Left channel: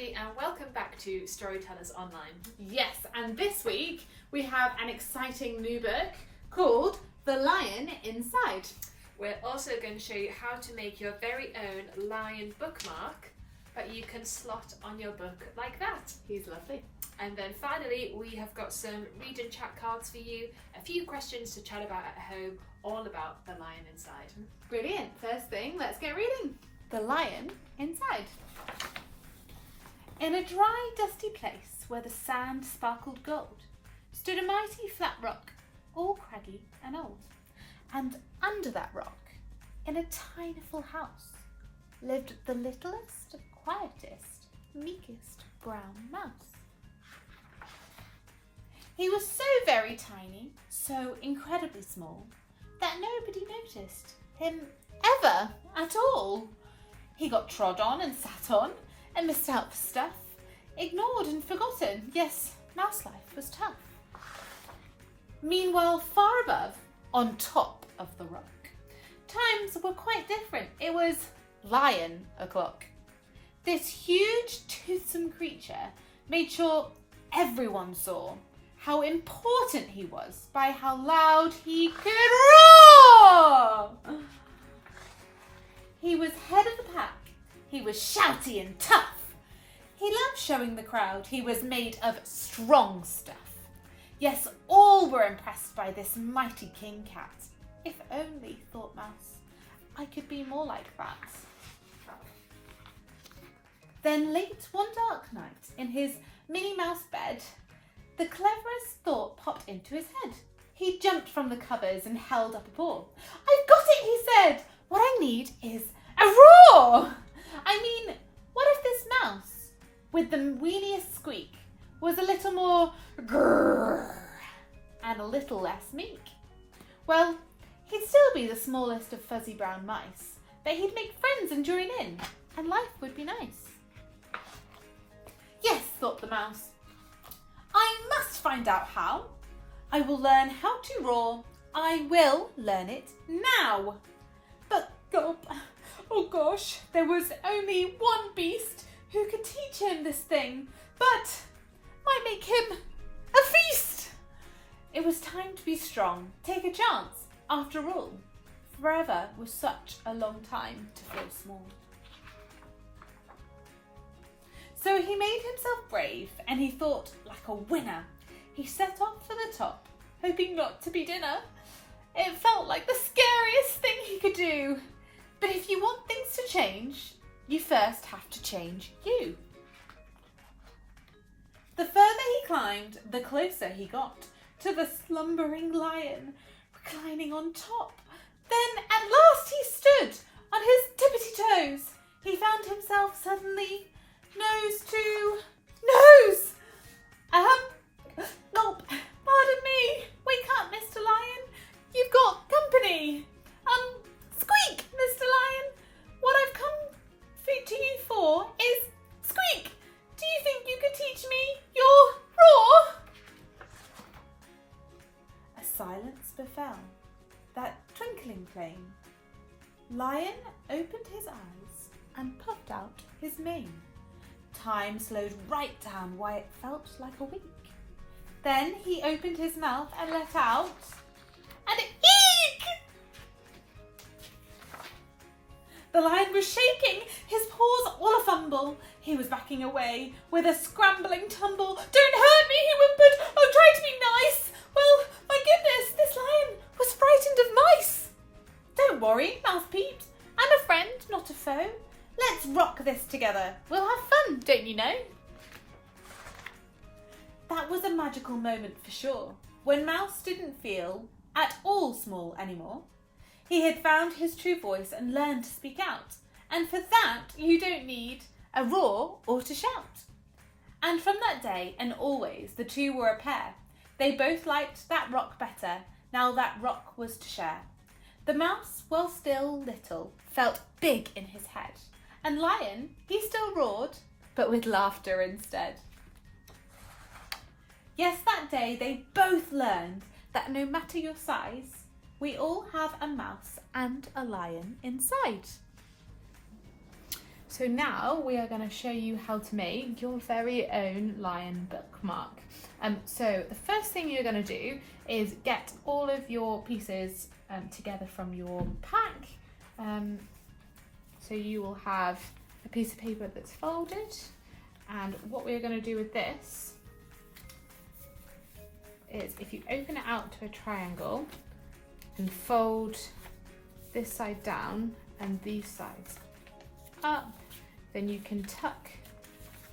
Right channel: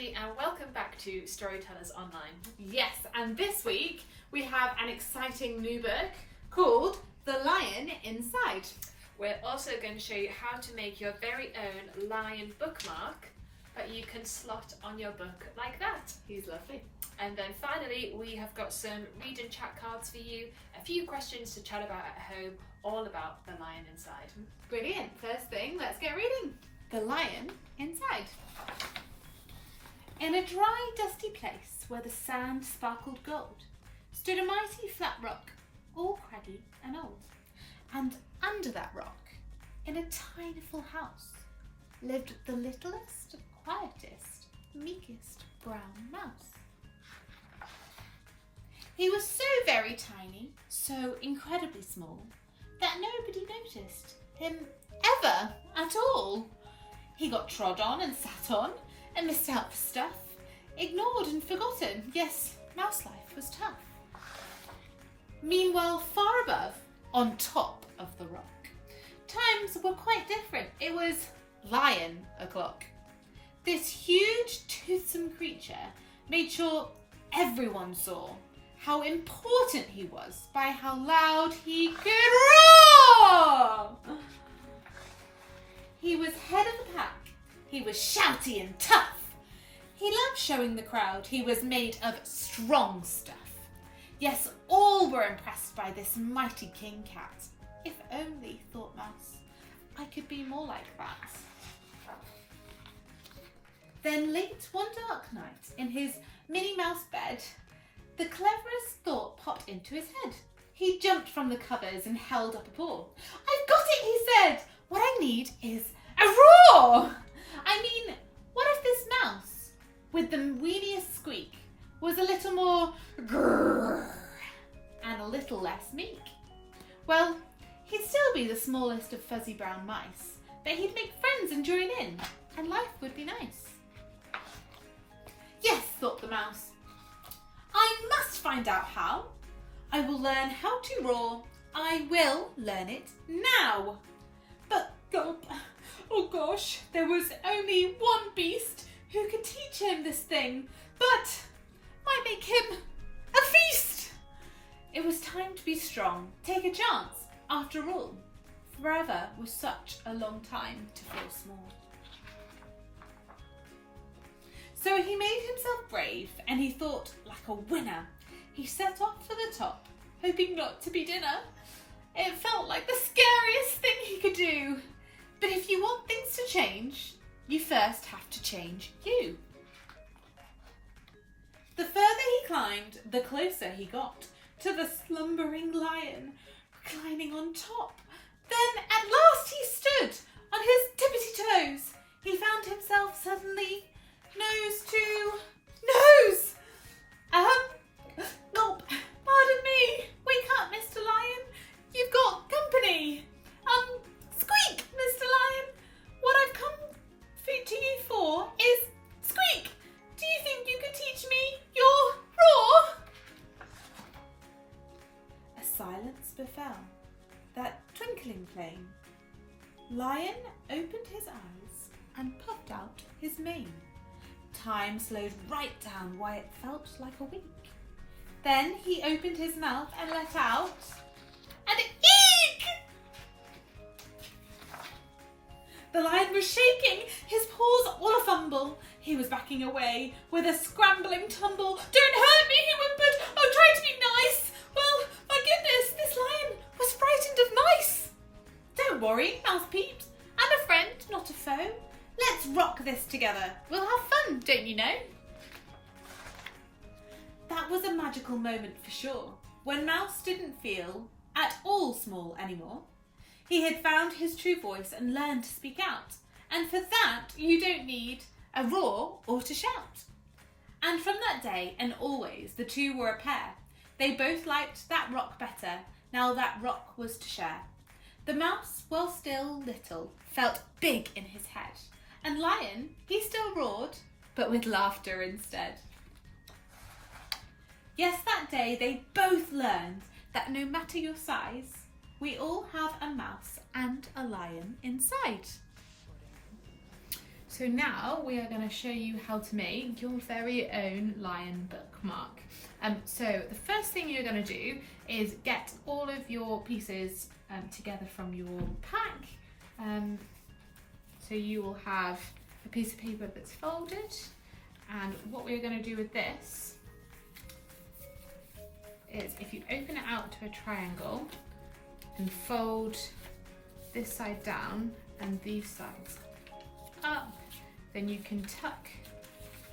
everybody, and welcome back to Storytellers Online. Yes, and this week we have an exciting new book called The Lion Inside. We're also going to show you how to make your very own lion bookmark that you can slot on your book like that. He's lovely. And then finally, we have got some read and chat cards for you, a few questions to chat about at home, all about The Lion Inside. Brilliant. First thing, let's get reading. The Lion Inside. In a dry, dusty place where the sand sparkled gold, stood a mighty flat rock, all craggy and old. And under that rock, in a tinyful house, lived the littlest, quietest, meekest brown mouse. He was so very tiny, so incredibly small, that nobody noticed him ever at all. He got trod on and sat on, and missed out for stuff, ignored and forgotten. Yes, mouse life was tough. Meanwhile, far above, on top of the rock, times were quite different. It was lion o'clock. This huge, toothsome creature made sure everyone saw how important he was by how loud he could roar. He was head of the pack. He was shouty and tough. He loved showing the crowd he was made of strong stuff. Yes, all were impressed by this mighty king cat. If only, thought Mouse, I could be more like that. Then late one dark night, in his Minnie Mouse bed, the cleverest thought popped into his head. He jumped from the covers and held up a paw. I've got it, he said. What I need is a roar. I mean, what if this mouse, with the weeniest squeak, was a little more grrr and a little less meek? Well, he'd still be the smallest of fuzzy brown mice, but he'd make friends and join in, and life would be nice. Yes, thought the mouse, I must find out how. I will learn how to roar. I will learn it now. But gulp, oh gosh, there was only one beast who could teach him this thing, but might make him a feast. It was time to be strong, take a chance. After all, forever was such a long time to feel small. So he made himself brave, and he thought like a winner. He set off for the top, hoping not to be dinner. It felt like the scariest thing he could do. But if you want things to change, you first have to change you. The further he climbed, the closer he got to the slumbering lion, reclining on top. Then at last he stood on his tippity toes. He found himself suddenly nose to nose. Gulp, pardon me. Wake up, Mr. Lion. You've got company. Squeak, Mr. Lion. What I've come to you for is squeak. Do you think you could teach me your roar? A silence befell, that twinkling plain. Lion opened his eyes and puffed out his mane. Time slowed right down why it felt like a week. Then he opened his mouth and let out an eek! The lion was shaking, his paws all a fumble. He was backing away with a scrambling tumble. Don't hurt me, he whimpered. Oh, try to be nice. Well, my goodness, this lion was frightened of mice. Don't worry, Mouse peeped. I'm a friend, not a foe. Let's rock this together. We'll have fun, don't you know? That was a magical moment for sure, when Mouse didn't feel at all small anymore. He had found his true voice and learned to speak out. And for that, you don't need a roar or to shout. And from that day and always, the two were a pair. They both liked that rock better, now that rock was to share. The mouse, while still little, felt big in his head. And Lion, he still roared, but with laughter instead. Yes, that day they both learned that no matter your size, we all have a mouse and a lion inside. So So now we are going to show you how to make your very own lion bookmark. So the first thing you're going to do is get all of your pieces together from your pack. So you will have a piece of paper that's folded, and what we're going to do with this is, if you open it out to a triangle and fold this side down and these sides up, then you can tuck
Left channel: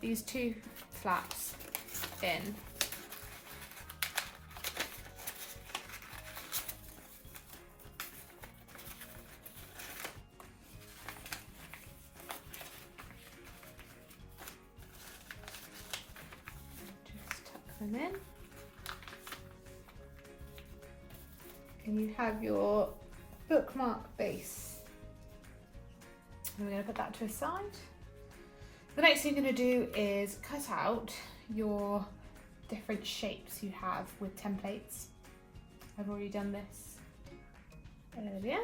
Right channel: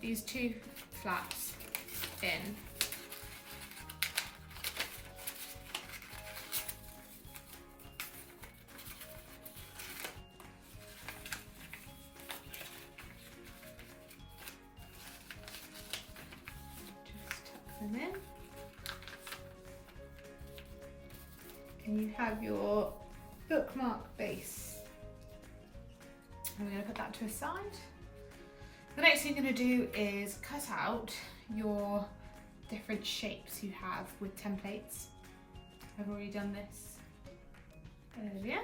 these two flaps in. Just tuck them in. And you have your bookmark base. And we're going to put that to a side. The next thing you're going to do is cut out your different shapes you have with templates. I've already done this earlier.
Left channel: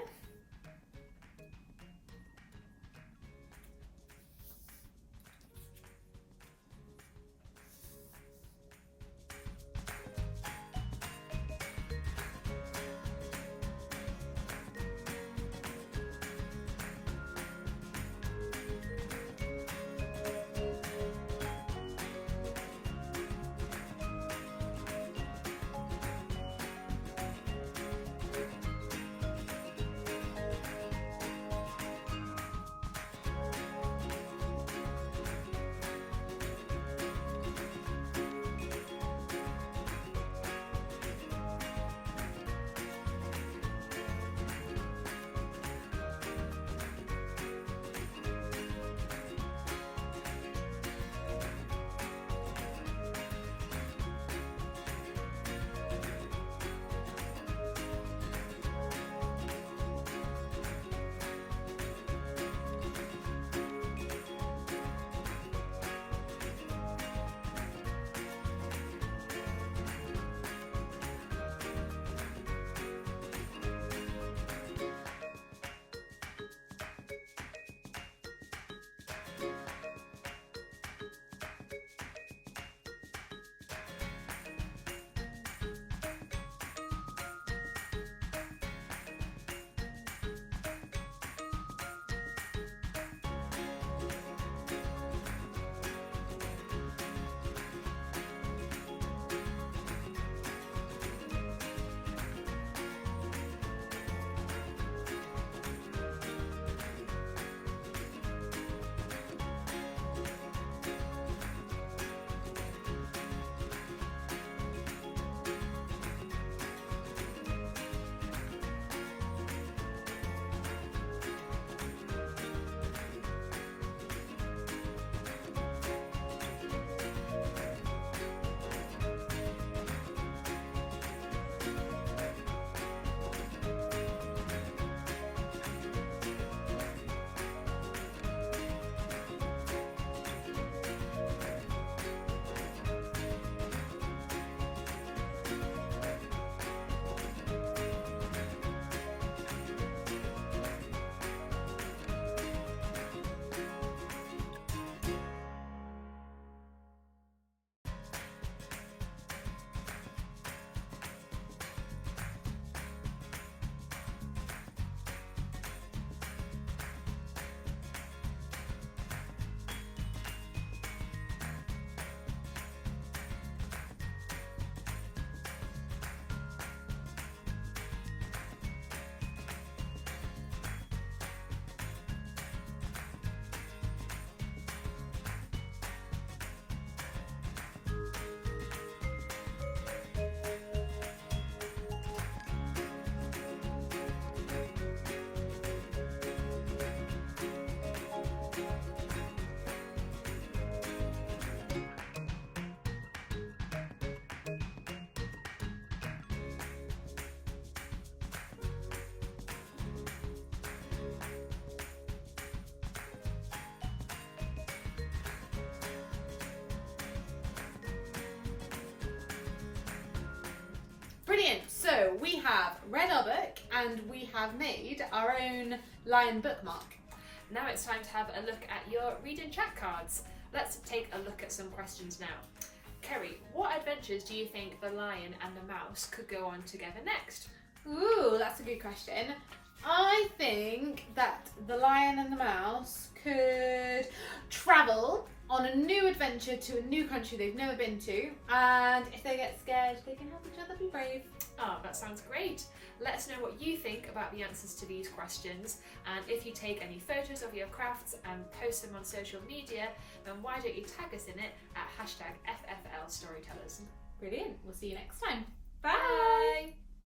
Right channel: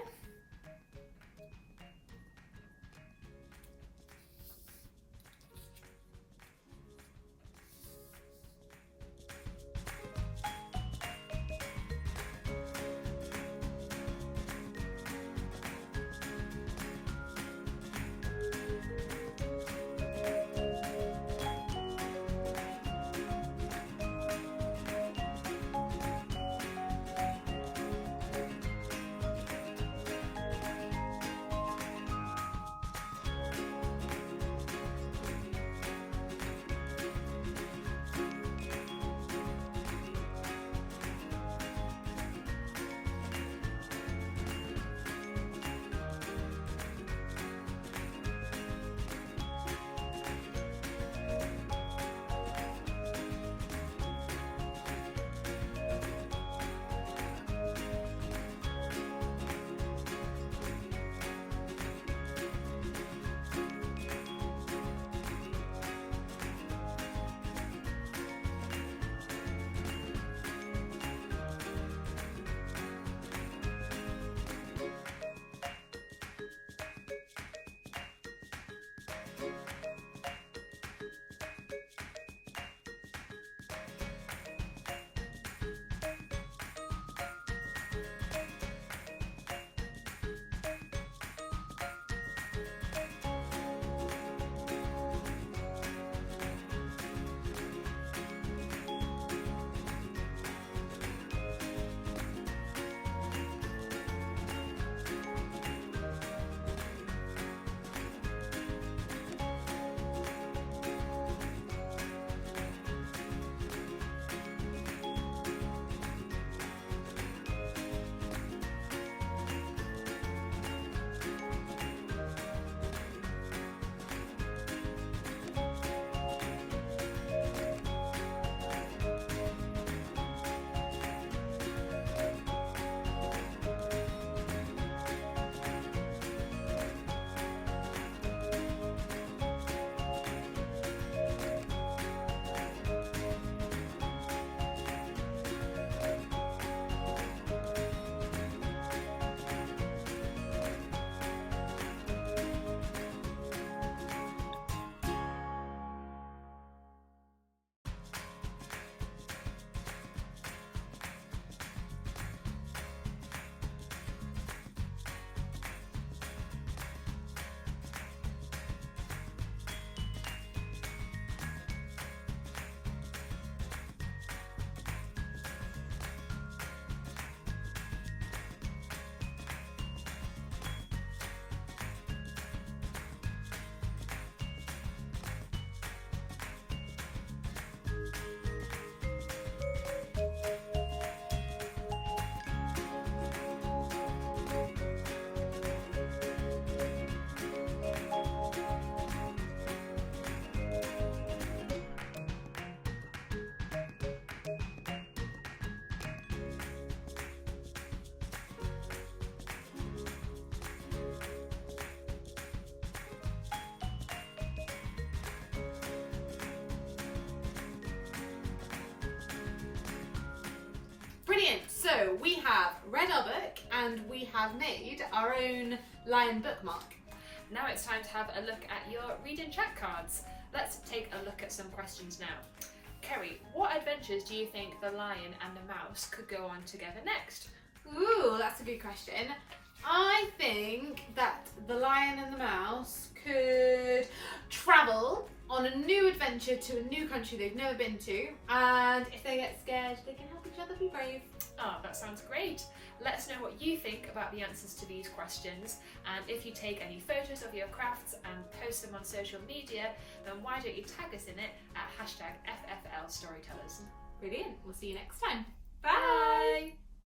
Brilliant, so we have read our book and we have made our own lion bookmark. Now it's time to have a look at your read and chat cards. Let's take a look at some questions now. Kerry, what adventures do you think the lion and the mouse could go on together next? Ooh, that's a good question. I think that the lion and the mouse could travel on a new adventure to a new country they've never been to, and if they get scared, they can help each other be brave. Oh, that sounds great. Let us know what you think about the answers to these questions, and if you take any photos of your crafts and post them on social media, then why don't you tag us in it at #FFL Storytellers. Brilliant. We'll see you next time. Bye!